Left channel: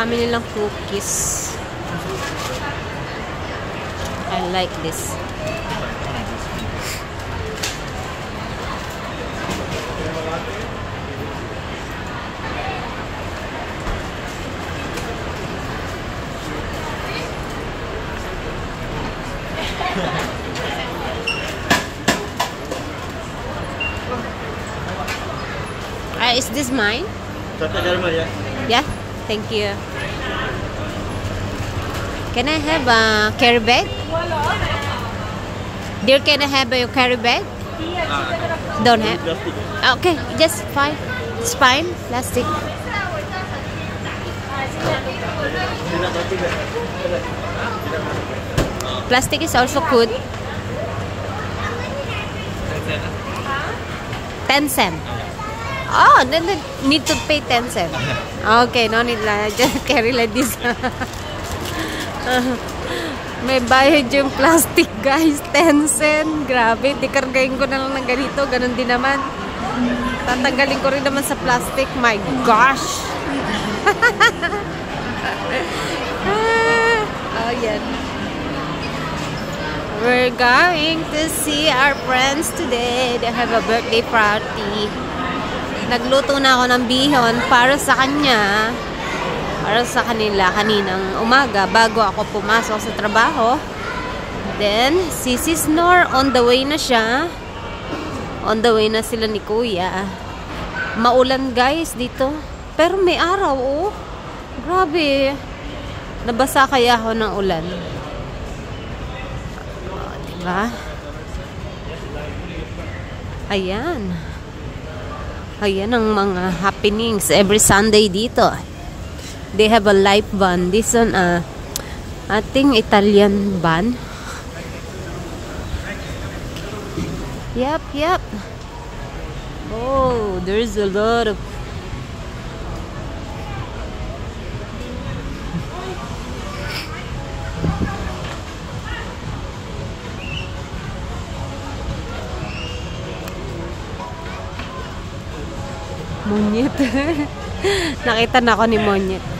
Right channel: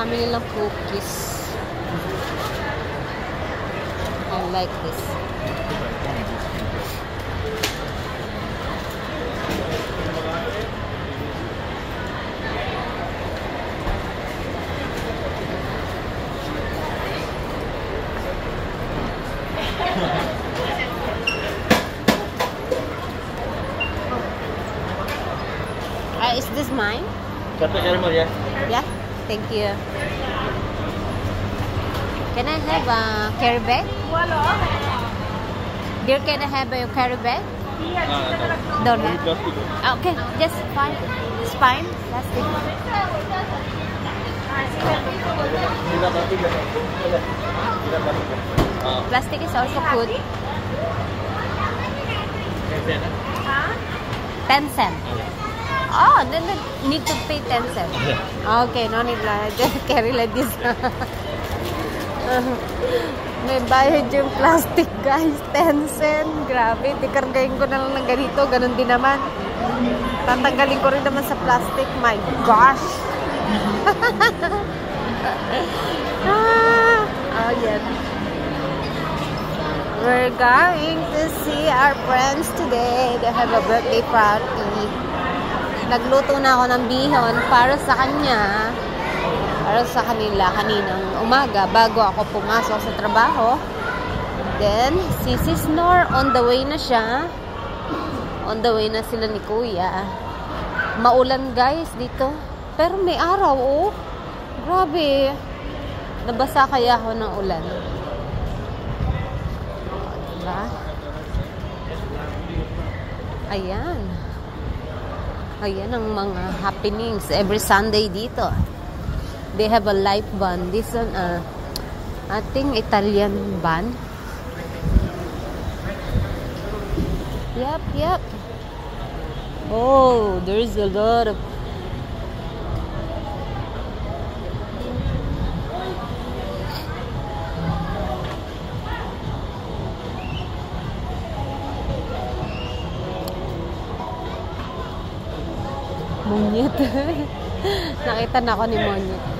dami nilang cookies. I like this. Is this mine? Yeah. Yeah, thank you. Can I have a carry bag? Dear, can I have a carry bag? Don't have. Okay, just fine. It's fine. Plastic. Plastic is also good. 10 cents. Oh, then need to pay 10 cents. Okay, no need lang. Just carry like this. May bayad yung plastic, guys. 10 cents. Grabe. Tikargayin ko na lang ng ganito. Ganon din naman. Tatanggalin ko rin naman sa plastic. My gosh. Oh, yan. We're going to see our friends today. They have a birthday party. Nagluto na ako ng bihon para sa kanya, para sa kanila kaninang umaga bago ako pumasok sa trabaho. Then, si Sis Nor, on the way na siya. On the way na sila ni Kuya. Maulan, guys, dito. Pero may araw, oh. Grabe. Nabasa kaya ako ng ulan. Diba? Ayan. Ayan ang mga happenings every Sunday dito. They have a live band. This one, I think Italian band. Yep. Oh, there's a lot of... Monyet. Nakita na ako ni Monyet.